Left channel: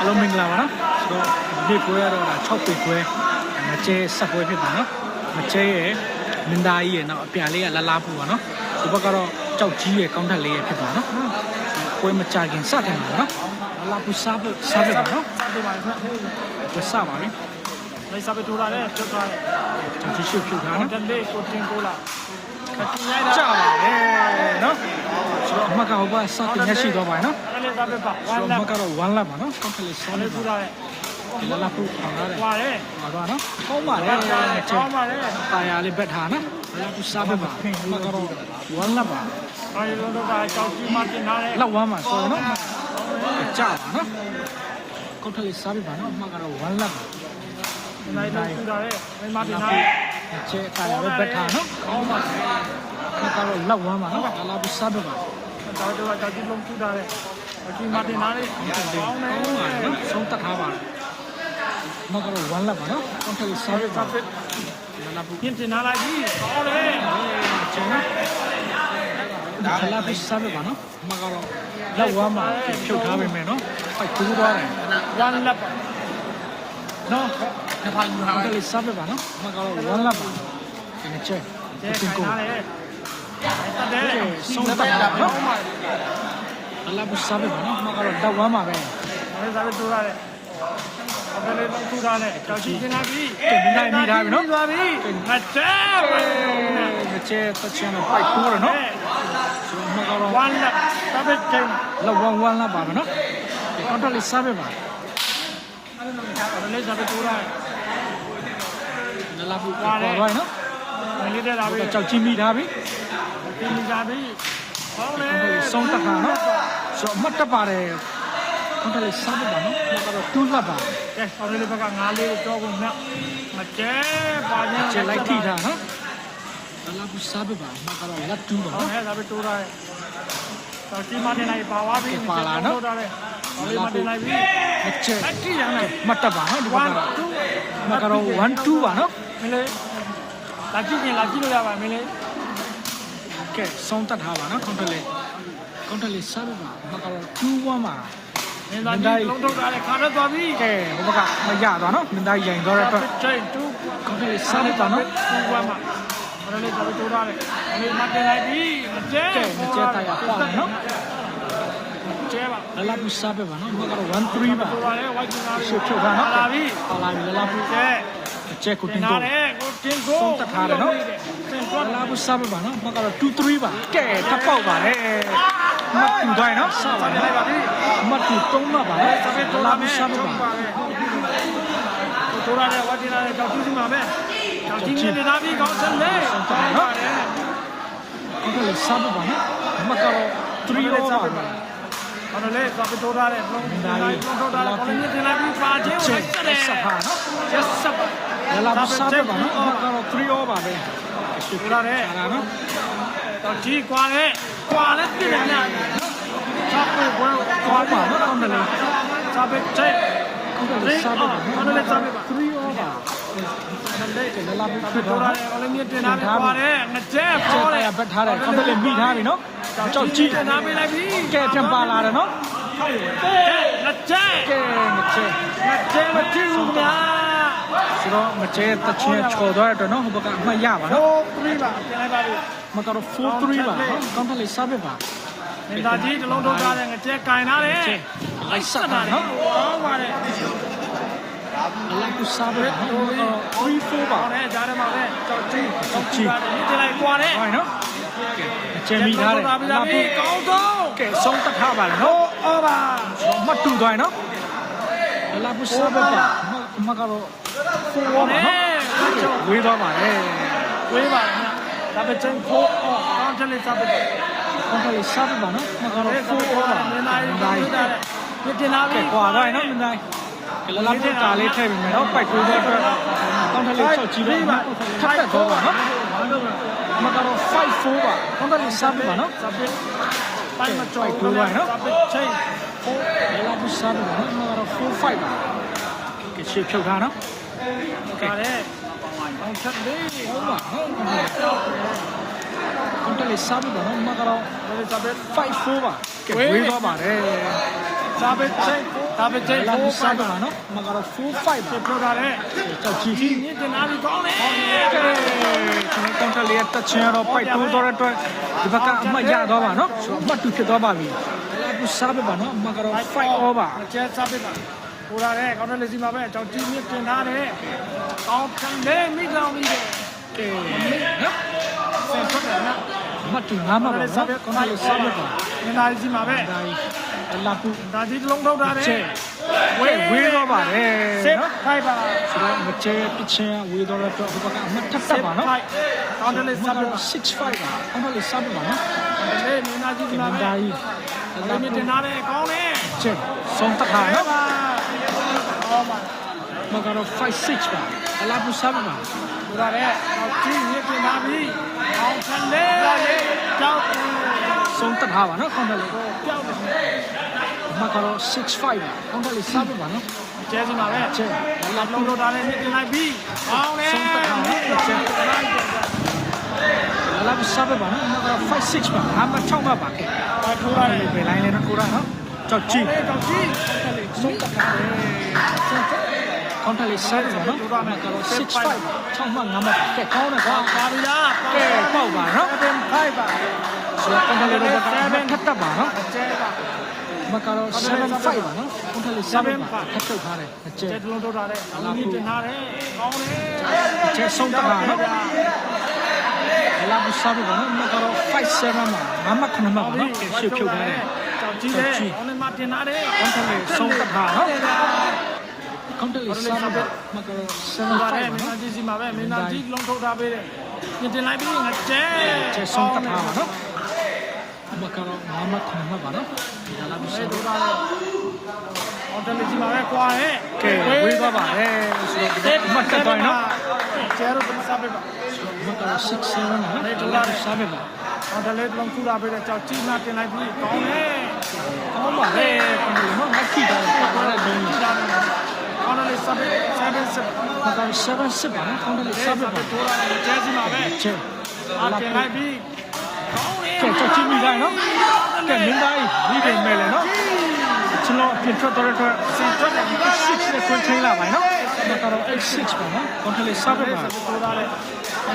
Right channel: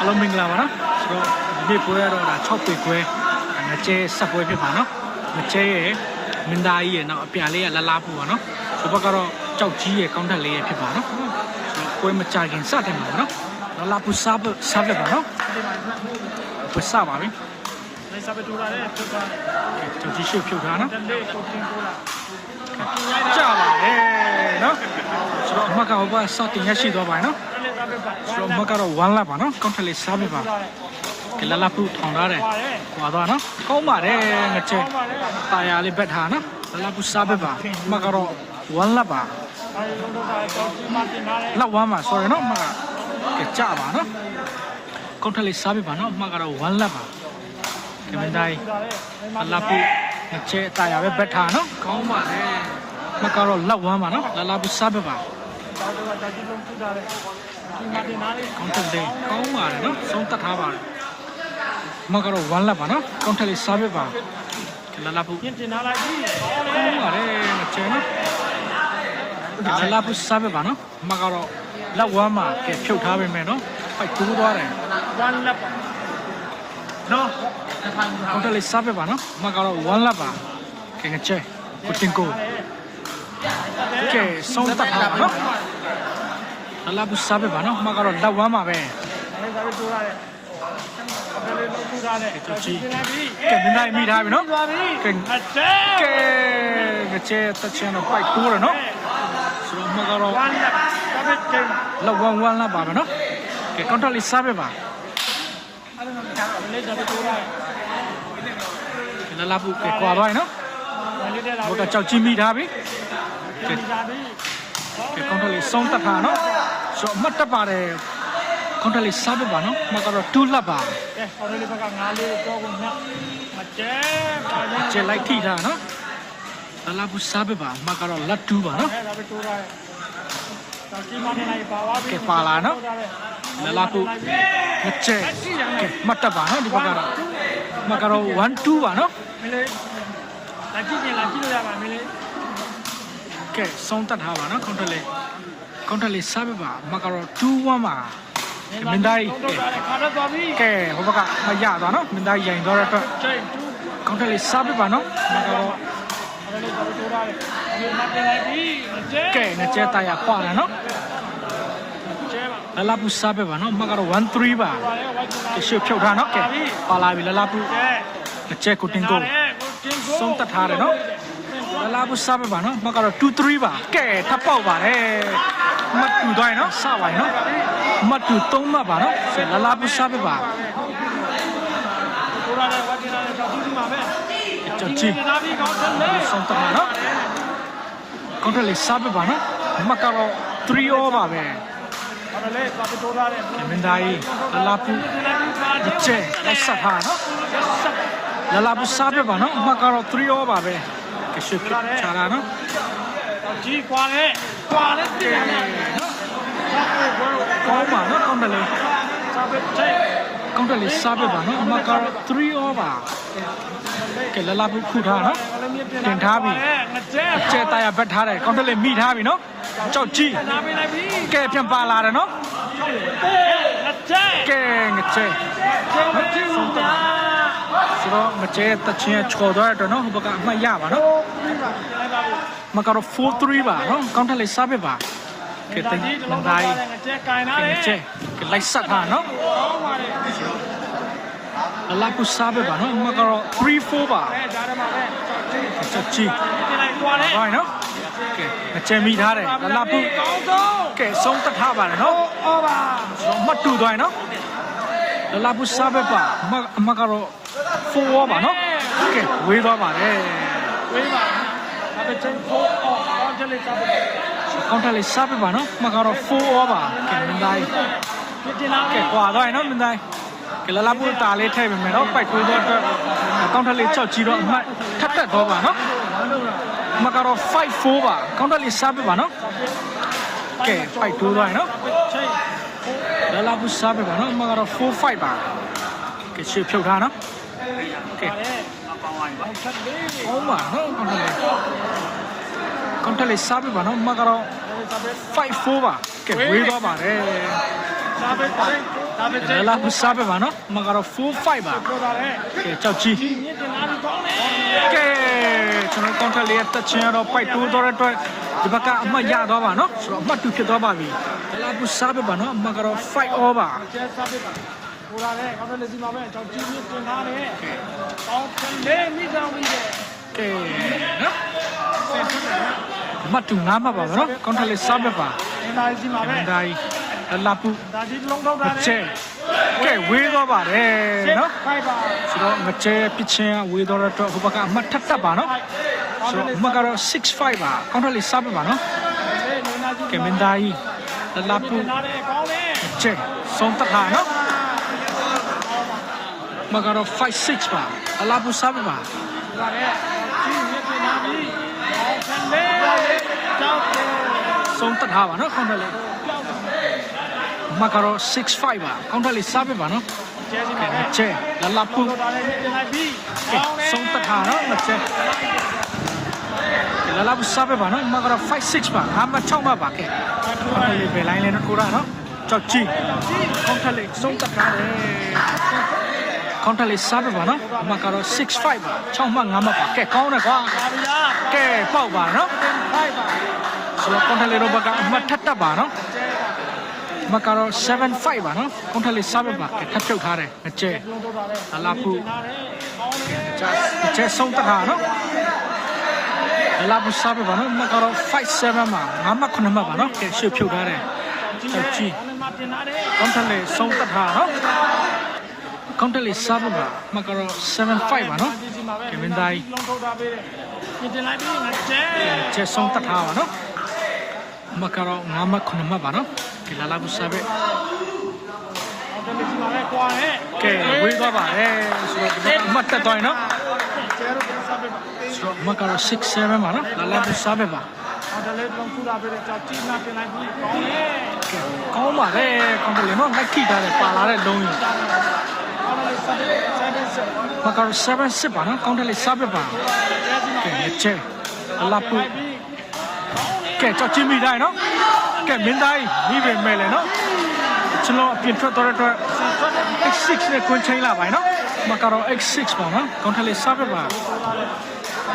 အားလုံးမင်္ဂလာပါနော်ဆိုတော့ဒီနေ့ပွဲရတော့ဒါ6ပေခွဲဒါငကျဲဆက်ပွဲဖြစ်ပါနော်ငကျဲရဲ့မင်းသားကြီးရဲ့နောက်အပြန်လေးကလလားပူပါနော်ဆိုဘက်ကတော့ကြောက်ကြီးရဲ့ကောင်းထက်လေးရဲ့ဖြစ်ပါနော်ဆိုတော့ပွဲမကြခင်စတင်ပါပါနော်လလားပူစားဖို့စားဖြစ်ပါနော်ပွဲစပါပြီလိုက်စားပဲထိုးလာတယ်ပြုတ်သွားတယ်ကြောက်ကြီးရှုပ်ဖြုတ်ထားနော်တလေးကိုတင်ပိုးလာကြပါတယ် နော်ဆိုတော့အမှတ်ကဟိုဘက်စတင်ရရှိသွားပါနော်အဲ့လေစားပဲပါဆိုတော့အမှတ်ကတော့1လပ်ပါနော်ကောင်းထက်လေးစားဖို့ပါထိုးလာတယ်ကလလားပူထောင်ထားတယ်သွားတယ်ဟွာတော့နော်ကောင်းပါတယ်ငကျဲကောင်းပါလေကတာယာလေးဘက်ထားနော်ဘလာပူစားဘက်ပါမကတော့ဝမ်းလက်ပါအဲဒီလိုတော့ကြောက်ကြီးမှတင်လာတယ်လက်ဝမ်းပါဆိုရနော်မကကြပါနော်ကောက်ထက်လေးစားဘက်ပါနော်မကတော့ဝမ်းလက်ပါဒီမတိုင်းထိုးလာတယ်အဲ့မှာဘလာပူငကျဲတာယာပဲဘက်ထားနော်ကောင်းပါတယ် မကတော့လက်ဝမ်းပါနော်ဘလာပူစားဘက်ပါကြောက်တော့ကြောက်ကြီးလုံးထိုးလာတယ်ဒီမှတင်လာတယ်ကောင်းထက်လေးကောင်းပါတယ်နော်ဆုံးတတ်ထားပါတယ်မကတော့ဝမ်းလက်ပါနော်ကောင်းထက်လေးစားဘက်ပါလလာပူပြင်တင်လာလိုက်ပြီဟုတ်တယ်ပါတယ်မကျဲနော်ဒါလာပူစားဘက်ပါနော်မကတော့လက်ဝမ်းမှာဖြုတ်ထားပေးမယ်နော်ဖိုက်ကူးသွားတယ်ဝမ်းလက်ပါနော်ဟိုတယ်လေးစားပြပါနော်မကတော့1လပ်ပါကဲငချဲကိုတင်ကို ကဲဆုံးတတ်ပါနော်အလားဘူးစားပြပါနော်မကတော့လက်ဝမ်းပါပဲအဲ့စားပဲထိုးလာတယ်အပေါ်လေးလောက်ထိုးလာတယ်ကြောက်ကြီးတင်လာပြီကဲမင်းနိုင်မိထားပြီနော်သွားပြီမတဲကဲငချဲတက်ချင်တော့ပိုက်ကူးရနော်ဆိုတော့မကတော့ဝမ်းလက်စားပဲတင်လက်ဝမ်း1လပ်ပါမယ်နော်ကဲကွန်ထလေးစားပြပါအဲ့လေစားပဲထိုးလာတယ်လလာဘူးကဲကွာတော့နော် မလေးတဲ့လာဟိုပြီကကြောက်ကြီးမိထားပြီပြင်နေကြပြီကဲကွန်ထလေးဆုံးတတ်တာနော်ဆိုတော့အမှတ်တက်ပါတယ်ကွန်ထလေးစားပြပါနော်မကတော့2လပ်ပါကဲဟိုလေးဘက်ကငါးလေးတော့ကုန်နဲ့မတဲပါဘူးကျက်လိုက်ထိတာနော်ဘလာဘူးစားပြပါမကတော့လက်တူးပါနော်အဲ့ဒါပဲတိုးတာပါတီမနေလိုက်ပါဝါပြီလလာဘူးမကျက်မတ်တက်ပါနော်ဒီဘက်ကတော့မကတော့1 2ပါနော်မလေး လာကြည့်ရင်လာကြည့်လို့ရပါမလေးကဲစောင်းတက်ထားပါနော်ကွန်ထလေးကွန်ထလေးစားပြပါမကတော့2 1ပါလုံးတော့တာခါတော့သွားပြီကဲဟိုဘက်ကမရသွားနော်မင်းသားရိုင်သွားတဲ့အတွက်ချိန်တူကွန်ထလေးစားပြပါနော်အဲ့လေးတော့တိုးတာလေဒီမတင်လိုက်ပြီမတဲကဲငကျက်တရပေါ့တယ်နော်ကျဲပါလလာဘူးစားပြပါနော်မကတော့1 3ပါပါလေဝိုက်ကူလာရှေ့ဖြုတ်ထားနော်ကဲပါလာပြီလလာဘူးကဲငကျက်ကိုတင်ကိုတင်ကို ဆုံးတတ်ထားတယ်နော်လလာဘူးစားပြပါနော်မကတော့2 3ပါကဲထပ်ပေါက်ပါတယ်မတ်တူတိုင်းနော်စပါနော်မတ်တူ3မှတ်ပါနော်လလာဘူးစားပြပါတိုးလာတယ်ဝါတင်လာတယ်ကြောက်ကြည့်ပါမယ်ကြောက်ကြည့်နေတာပြီကောင်းဆုံးလေဆုံးတတ်နော်ကောင်းတယ်လေစားပြပါနော်မကတော့3 over ပါပဲအဲ့ဒါလေပတ်တိုးတာလေမင်းသားကြီးလလာဘူးဒီလည်းဘူးပါကျက်လက်ဆက်ပါနော်ဆက် လလာဘူးစားပြပါနော်မကတော့3 over ပါပဲကရှိပြချာလာနော်ဒီကွာလေကွာလေပြည့်နေနော်ဆက်ဖို့ဘယ်လိုကောင်းပါနော်ကောင်းတယ်လေစားပဲတဲ့ကောင်းတယ်လေစားပြပါနော်မကတော့3 over ကဲလလာဘူးခွထားနော်လုံးမြတင်ထားပြီငကြဲကျဲတရဘက်ထားတယ်ကောင်းတယ်လေမိထားပြီနော်ကြောက်ကြည့်နာမည်လည်းပြီကဲပြန်ပါလာတယ်နော်ငကြဲကဲငကျဲငကြဲမကြည့်ဘူးပါ ဆိုတော့ငကျဲတချင်းချော်သွားတဲ့အတွက်နော်ဟိုဘက်ကအမှတ်ရပါနော်ပြီးပါပြန်ပါပြီမကတော့4-3ပါနော်ကောင်းတယ်လေစားပြပါကဲတဒါကြီးကြီးတလုံးလုံးသားသားငကြဲကင်နာလေကြီးကျဲကဲလိုက်ဆက်ပါနော်ကောင်းပါလေလလာကူစားပြပါနော်မကတော့3-4ပါအဲကြားရမှာပဲကြောက်ကြည့်ကြောက်ကြည့်ဒီလိုက်ကွာလေဟိုင်းနော်ကဲငကျဲမိထားတယ်လလာပူကောင်းဆုံးကဲဆုံးတတ်ထားပါလေနော်အော်ပါတော့မှတ်တူသွားရင်နော်လလာပူစားပြပါမမကတော့ 4ပါနော်ကဲဝေးသွားပါတယ်ဝေးပါဒါပဲချင်းကိုအော်ကောင်းတယ်လေစားဖို့ကောင်းတယ်လေစားပြပါနော်မကတော့4 over ကဲမင်းသားကြီးဒီတင်လာကဲကွာသွားရင်နော်မင်းသားကဲလလာပူတာလေးထည့်ပေးမယ်နော်ပိုက်တိုးတော့အတွက်ကောင်းတယ်လေကြောက်ကြည့်တော့အမှတ်ထပ်တက်တော့ပါနော်မကတော့5 4ပါကောင်းတယ်လေစားပြပါနော်ကဲပိုက်တိုးသွားရင်နော်ချင်းလလာပူစားပြပါနော်မကတော့4 5ပါကဲရှေ့ဖြုတ်ထားနော် ကဲအောင်ချက်လေးဟုတ်ပါနော်ကောင်းတယ်လေစားပြပါနော်မကတော့ဘယ်လိုစားပဲ5 4ပါကဲဝေးသွားပါတယ်စားပဲချင်းဒါပဲကျဲလာဘူးစားပဲပါနော်မကတော့4 5ပါပြောတာလေကဲကြောက်ကြီးဒီမြင့်တင်လာပြီးကောင်းတယ်ကဲကျွန်တော်ကောင်ထလေးတက်ချင်တော့ပိုက်တိုးတော့တဲ့အတွက်ဒီဘက်ကအမှတ်ရတော့ပါနော်ဆိုတော့အမှတ်2ဖြစ်သွားပါပြီလာဘူးစားပဲပါနော်မကတော့5 over ကျဲစားပြပါ ဟိုလာတဲ့ကောင်းတယ်စီမှာပဲကြောက်ကြီးမြင့်တင်ထားတယ်ကောင်းတယ်မြင့်ကောင်းပြီးတယ်ကဲနော်မတူငါမပါဘူးနော်ကောင်ထလေးစားပဲပါဒီနာစီမှာပဲဒါကြီးလာဘူးဒါဒီလုံးထုတ်တာလေကျဲကဲဝေးတော့ပါတယ်နော်ဖိုက်ပါဆိုတော့မကျဲပချင်းဝေးတော့တဲ့အတွက်ဟိုဘက်ကအမှတ်ထပ်တက်ပါနော်ကောင်းတယ်မကတော့6-5ပါကောင်ထလေးစားပဲပါနော်လေနေနာစီကဲမင်းသားကြီးလာမြင့်ဘူးတင်ထားတယ်ကောင်းတယ်ကျဲဆုံးတခါနော် မကတော့5-6ပါအလားဘူးစားပဲပါဟိုလာတဲ့ကြီးမြင့်တင်ထားပြီးကောင်းတယ်ကြောက်တယ်ဆုံးတခါပါနော်ကောင်ထလေးကြောက်တယ်မကတော့6-5ပါကောင်ထလေးစားပဲပါနော်ကျဲစီမှာပဲကျဲလာလာလုံးဘူးထုတ်တာလေမြင့်တင်လိုက်ပြီးကောင်းတယ်ဆုံးတခါနော်မကျဲလာလာဘူးစားပဲပါနော်မကတော့5-6ပါငါမ6ပါပါကဲအထူးပါအဲ့လေဒီပဲလိုင်းလေးနော်ထိုးတာနော်ကြောက်ကြည့်ကြီးကောင်ထလေးဆုံးတခါပဲကောင် ထလေးစားပဲပါနော်မကတော့6-5ပါ6မှ5မှပါကဲကောင်းတယ်ကွာပါပြီလားကဲပေါ့ပါနော်တင်ဖိုက်ပါဆိုတော့ကွန်ထလေးတော့ဘကအမှတ်ထပ်တက်ပါနော်ကျဲပါမကတော့7-5ပါနော်ကွန်ထလေး7ပါထပ်ချုပ်ထားတယ်အကျဲကျဲလုံးထုတ်တာလေတင်ထားတယ်ကောင်းတယ်အကျဲဆုံးတခါနော်အလားဘူးစားပါနော်မကတော့5-7မှာငါမှ9မှပါနော်ကဲရှေ့ဖြုတ်ထားတယ်ကြီးတယ်အဲ့မှာတင်ထားတယ်ကွန်ထလေးဆုံးတခါနော် ကွန်ထလေး7ပါမကတော့7-5ပါနော်ဒီစီမှာပဲမင်းသားကြီးလုံးထုတ်တာပဲမြင်တင်လိုက်ပြီးငါကျဲအကျဲဆုံးတခါပါနော်မကတော့ငါမှ9မှပါနော်ဒီလာဘူးစားပဲအော်တယ်စီမှာပဲကွာဟဲ့ကဲဝေးသွားပါတယ်ဆိုတော့ဒီဘက်အမှတ်တက်သွားရင်နော်ကျဲတော့ပြန်စားပေးပါဆိုတော့မကတော့6-7ပါနော်လာလာဘူးစားပဲပါအော်တယ်လုံးထုတ်တာပဲကြောက်ကြီးမှတင်လိုက်ပြီးကောင်းတယ်ကောင်းပါလေကွန်ထလေးနော်ငါကြည့်တာပါလာတဲ့လုံးကြီး ကောင်းတယ်စားပေးစားပေးစားမကောင်7 6ပါနော်ကောင်းတယ်လေစားပြပါကျဲစီမှာပဲကဲချဲလာပူလိုက်ပြီးကဲကြောက်ချင်းမိတိုင်းနော်ကဲမင်းတိုင်းမိတယ်မဲ့လေနော်ကျွန်တော်ပြင်ထွက်တော့တဲ့စင်တက်တယ် X6 နဲ့ကွင်းချင်းလာပါနော်မကောင် X6 ပါနော်ကောင်းတယ်လေစားပြပါ မင်း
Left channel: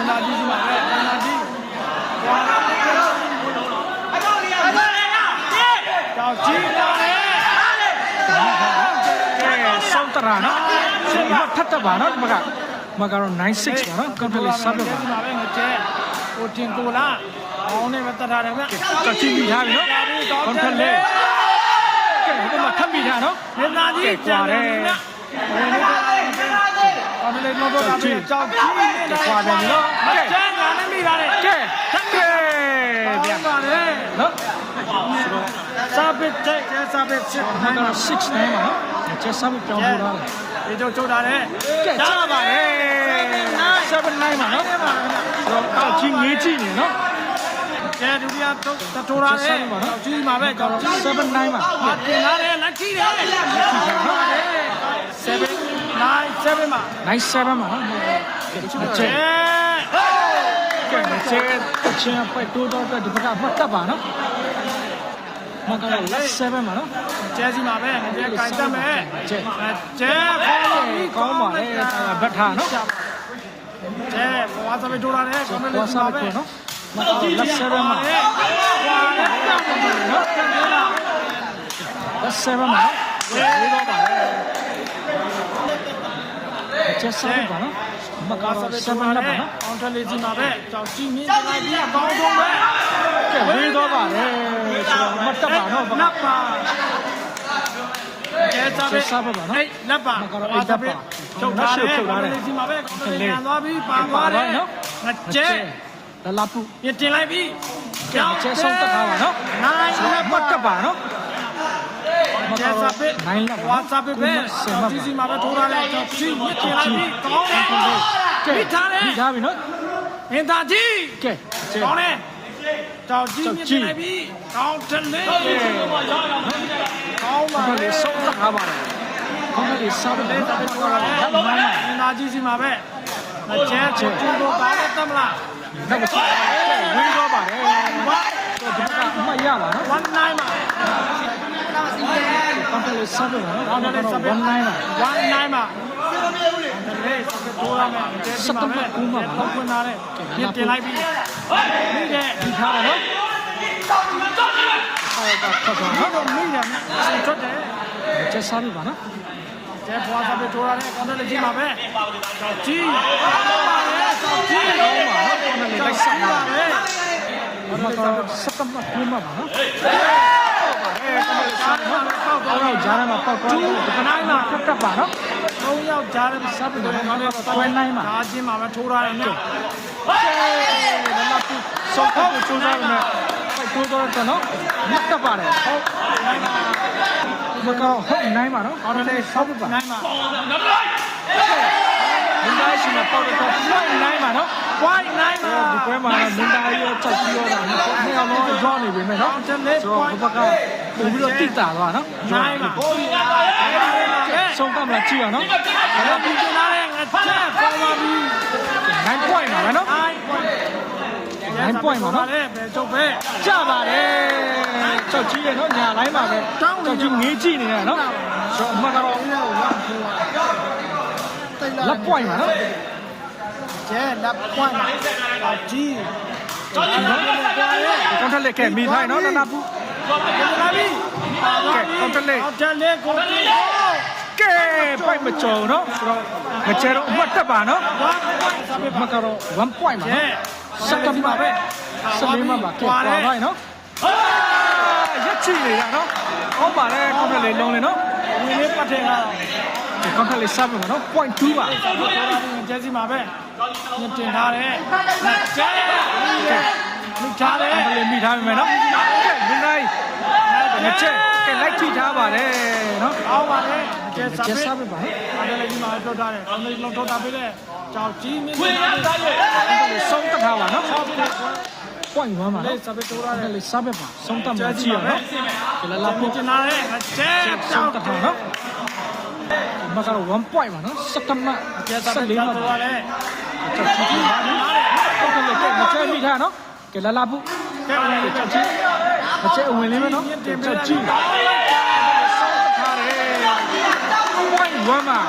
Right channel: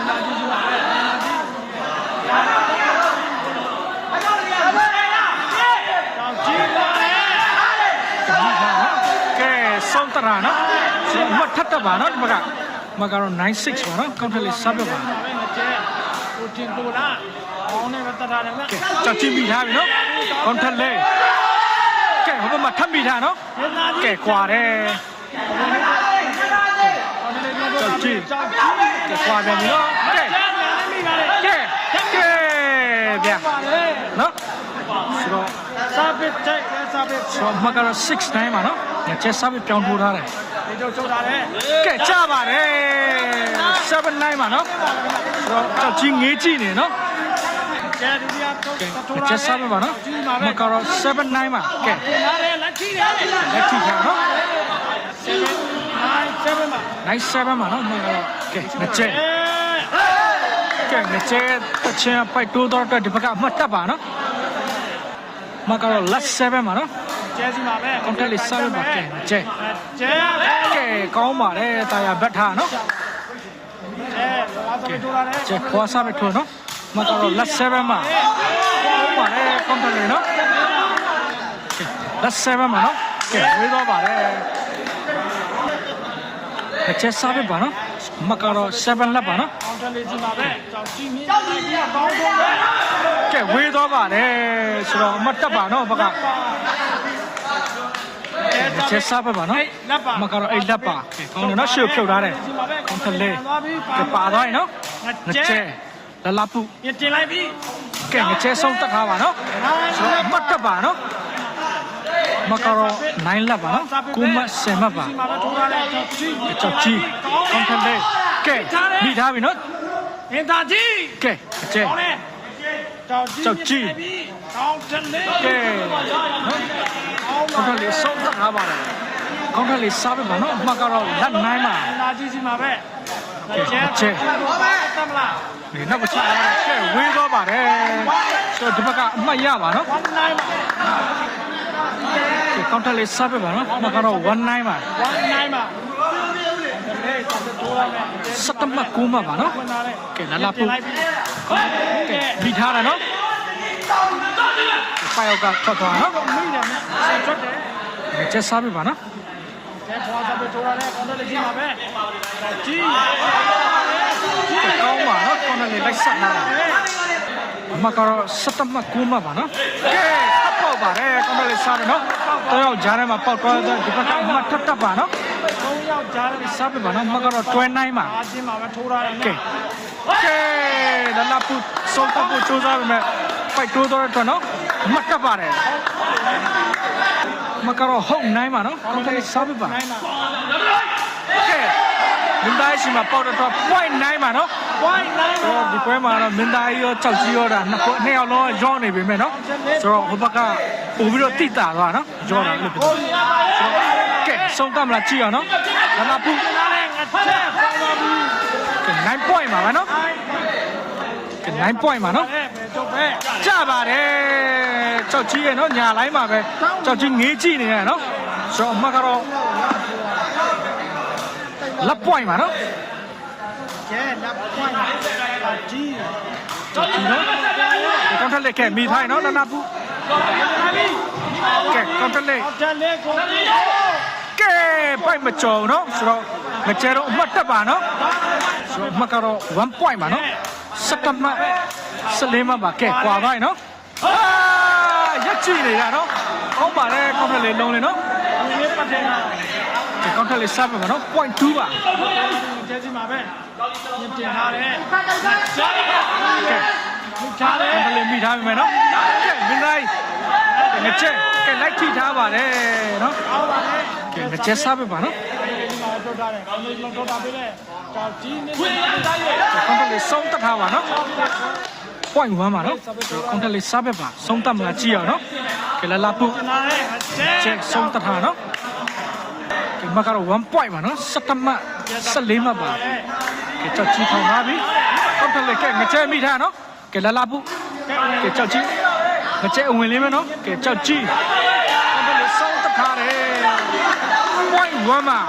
သားကြီးစီမှာပဲမင်းသားကြီးကောင်းကြီးလာတယ် ကဲမိပါနော်ကဲစောင်း တရာနော်ဆိုတော့မထပ်တပါနော်ဒီဘက်ကမကောင်96ပါနော်ကောင်းတယ်လေစားပြပါကိုတင်ကိုလာအောင်းနေမတတာတယ်ဗျကဲကြောက်ချင်းမိထားပြီနော်ကောင်းတယ်လေကဲဟိုဘက်မှာထပ်မိထားနော်မင်းသားကြီးကဲကွာတယ်အောင်းနေမတော့ကြောက်ကြီးကဲကွာပြန်ပြီနော်ကဲကျန်းလာမိပါလေကဲကဲဗျာပါလေနော်ဆို တော့စာပစ်တဲ့စာပစ်ဆိုတော့မကတော့6တိုင်းပါနော်ငါချက်စားပြီးပြောင်းထိုးထားတယ်ဒီတော့ချုပ်တာလေကဲကြပါလေ7တိုင်းပါနော်ဆိုတော့ကြောက်ကြီးငေးကြည့်နေနော်ကဲဒုတိယတော့တိုးလာချက်စားပါနော်ကြီးမှာမပဲကတော့7တိုင်းပါကဲပြင်လာတယ်လက်ကြီးရဲ့လက်ကြည့်ပါနော်7 9 7မှာနိုင်7ပါနော်မကတော့ကဲလက်ချက်ကဲလက်ချက်တစ်ချင်ပိုက်တိုးတော့အတွက်ဒီဘက်ကအမှတ်တက်ပါနော် မကတော့လက်7ပါနော်ကျဲစီမှာပဲကောင်းတယ်လေ7ပါကဲကျဲကျဲကဲကောင်းပါလေတာယာဘတ်ထားနော်ကျဲဘာသာတိုးလာလေကျက်ခေါ်စားပြီးထိုးနော်မတော်လက်ဆယ်ပဲမှာပါ အချက်စားပြီးပါနော်မကတော့7လက်ပါနော်အောင်တယ်လေးကြီးမှာပဲကြောက်ကြီးမင်းကြီးကြီးအပေါင်းဆုံးပဲကျက်ဝေးတော့ပါလေဆိုတော့မတက်ပါနော်ဘာကကျဲစားပဲလက်ပါမကတော့အဲ့လက်ပါကောင်းနော်ရှုပ်ဖြုတ်ထားတယ်ကြီးမှာပဲကောင်းတယ်လေသွားပြီးပါပါတော့နော်ကျဲကျက်လလပူပြင်တင်လိုက်ပြီးကဲကျက်ဆုံးတက်ထားပါနော်တော့မတက်ပါနော် မကတော့9လက်ပါနော်ကိုမဆယ်မှတ်ပါကြီးမှာပဲထိုးထားတယ်ကြောက်ကြီးကြောက်ကြီးကောင်းတယ်လေကဲမိထားပြီနော်ငင်သားကြီးကဲအကျဲကောင်းတယ်ကြောက်ကြီးပြီးကောင်းတယ်လေကဲနော်ကောင်းခေါင်းထလေးဆုံးသတ်ထားပါတယ်ခေါင်းထလေးစားပြီးတော့နော်အမကတော့လက်နိုင်လာငင်သားကြီးစီမှာပဲကျဲကျဲကိုပါတော့မလားဒီနေ့ကစားကဲဝင်းတော့ပါတယ်ဆိုဒီဘက်ကအမှတ်ရပါနော် one nine ခေါင်းထက်လေးစားပြပါနော်မကတော့19ပါဝမ်းနိုင်မှာလေစပ်တိုးရမယ်စက်တမကူမပါနော်ခွန်လာတဲ့ကဲလာလာပြင်လိုက်ပြီဒီကဲဒီထားတယ်နော်ဆိုင်ကထွက်သွားနော်တော့မိတယ်နော်ဆက်ချက်တယ်ကျက်စားပြပါနော်ကျဲဖွာစပ်တိုးရတဲ့ကောင်းတဲ့ကြီးမှာပဲကြီးကောင်းပါနော်ကောင်းတယ်လိုက်ဆက်လာမကတော့စက်တမကူမပါနော်ဟုတ်ပါတယ်ကောင်းတယ်စားတယ်နော်တော့ဂျာနဲ့မှာပေါက်ပေါက်တော့ဒီကနေ့မတက်တက်ပါနော်သုံးယောက်ကြားတယ်စားပြပါနော်မကတော့တွဲနိုင်ပါဒါချင်းမှာပဲထိုးရတယ်ကဲနော်ကဲလာလာပူစောကပ်ကိုစူးစမ်းမယ်ဖိုက်တိုးတော့တော့နော်မကပ်ပါ တယ်မကတော့ဟုတ်နိုင်ပါနော်ကောင်းတယ်စားပြပါနိုင်မှာ မင်းသားရှိမှာပေါက်တော့ point နိုင်ပါနော်ဝမ်းနိုင်မှာတော့ဒီပွဲမှာတော့မင်းသားရောကြောက်ကြီးရောတာနှစ်နှစ်ယောက်လုံးရောနေပြီမဲ့နော်ဆိုတော့ဘုဘကပို့ပြီးတော့တိတာသွားနော်ရောတာလို့ဟုတ်ပြီကဲဆုံးကမလားကြည့်အောင်နော်ဒါမှပူကျလာတဲ့ငါချက်ပေါ်ပါပြီ9 point ပါနော်9 point ပါနော်အဲ့ကျုပ်ပဲကြပါတယ်ကြောက်ကြီးရနော်ညာတိုင်းပါပဲကြောက်ကြီးငေးကြည့်နေရနော်ဆိုတော့အမကတော့ လက် point ပါနော်ကျဲလက်ပွိုင်းမှာတော့ကြီးကြောက်ကြီးနော်ဒီကောင်ထက်လက်ကဲမိထိုင်နော်နနာပူလာပြီကဲကောင်ထက်လက်အောက်တလေးကိုကြည့်ကဲပိုက်မကြုံနော်ဆိုတော့မကျဲတော့အမှတ်တက်ပါနော်ဆိုတော့အမှတ်ကတော့1 point ပါနော်စက်တမ်မှာပဲ14မှာပါကဲကွာသွားနော်အာရက်ကြည့်နေရနော်ကောင်းပါတယ်ကောင်ထက်လေးလုံးလေနော်ဒီနေ့ပတ်တယ်လားကဲ ကောင်ထက်လေးစပါနော် point 2ပါကျဲစီမှာပဲမြင်တင်ထားတယ်ကျဲကဲလူချတယ်ကောင်ထက်လေးမိထားပြီမယ်နော်ကဲမင်းသားကဲငချက်ကဲလိုက်ထိထားပါတယ်နော်အောက်ပါလေကဲငချက်စားပြီပါနော်ဒီမှာတော့တာတယ်အမေလုံးတော့တာပြည့်ကြောက်ကြီးနေတယ်ကောင်ထက်လေးစုံးတက်ထားပါနော် point 1ပါနော်ကောင်ထက်လေးစားပဲပါစုံးတက်မလားကြည့်အောင်နော်ကဲလာလာပုတ်ကျနာလေကျဲချက်ဆုံးတထားနော်ဒီ မှာကတော့1 point ပါနော်စက်တမ14မှာပါကြောက်ကြီးထားပါပြီဟုတ်တယ်လေကဲငချဲမိထားနော်ကဲလာလာပုကဲကြောက်ကြီးငချဲအဝင်လေးမယ်နော်ကဲကြောက်ကြီးဆုံးတထားတယ် point 1မှာ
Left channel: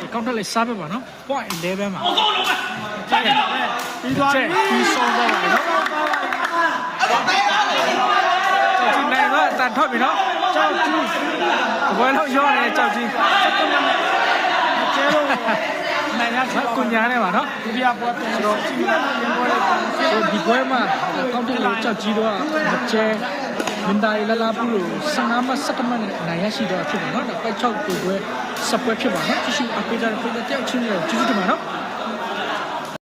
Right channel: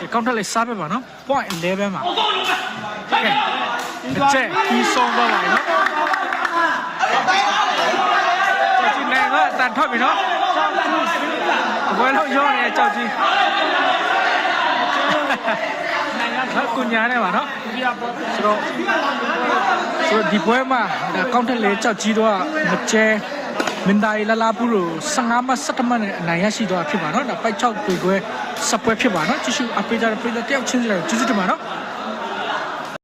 ဒီကောင်းတယ်လေစားပဲပါနော် point 11မှာကဲပြီးငသွားချဲပြီပြီးဆုံးသွားပါနော်ကြောက်ကြီးနိုင်ကအတန်ထွက်ပြီနော်ကြောက်ကြီး တပွဲလုံးရောနေကြောက်ကြီးနိုင်ရနော်ကုညာနဲ့ပါနော်ဒီပြပြပြဆိုတော့ဆိုဒီပွဲမှာကောင်းတယ်လေကြောက်ကြီးတော့မကျဲမင်းသားရလာလာပူလို့15မ17မနဲ့နိုင်ရရှိတော့ဖြစ်ပါနော်ဒါပိုက်6ပြေခွဲစပွဲဖြစ်ပါနော်ကြည့်ရှုအပေးကြတဲ့ပြည်တယောက်ချင်းရောကျေးဇူးတင်ပါနော်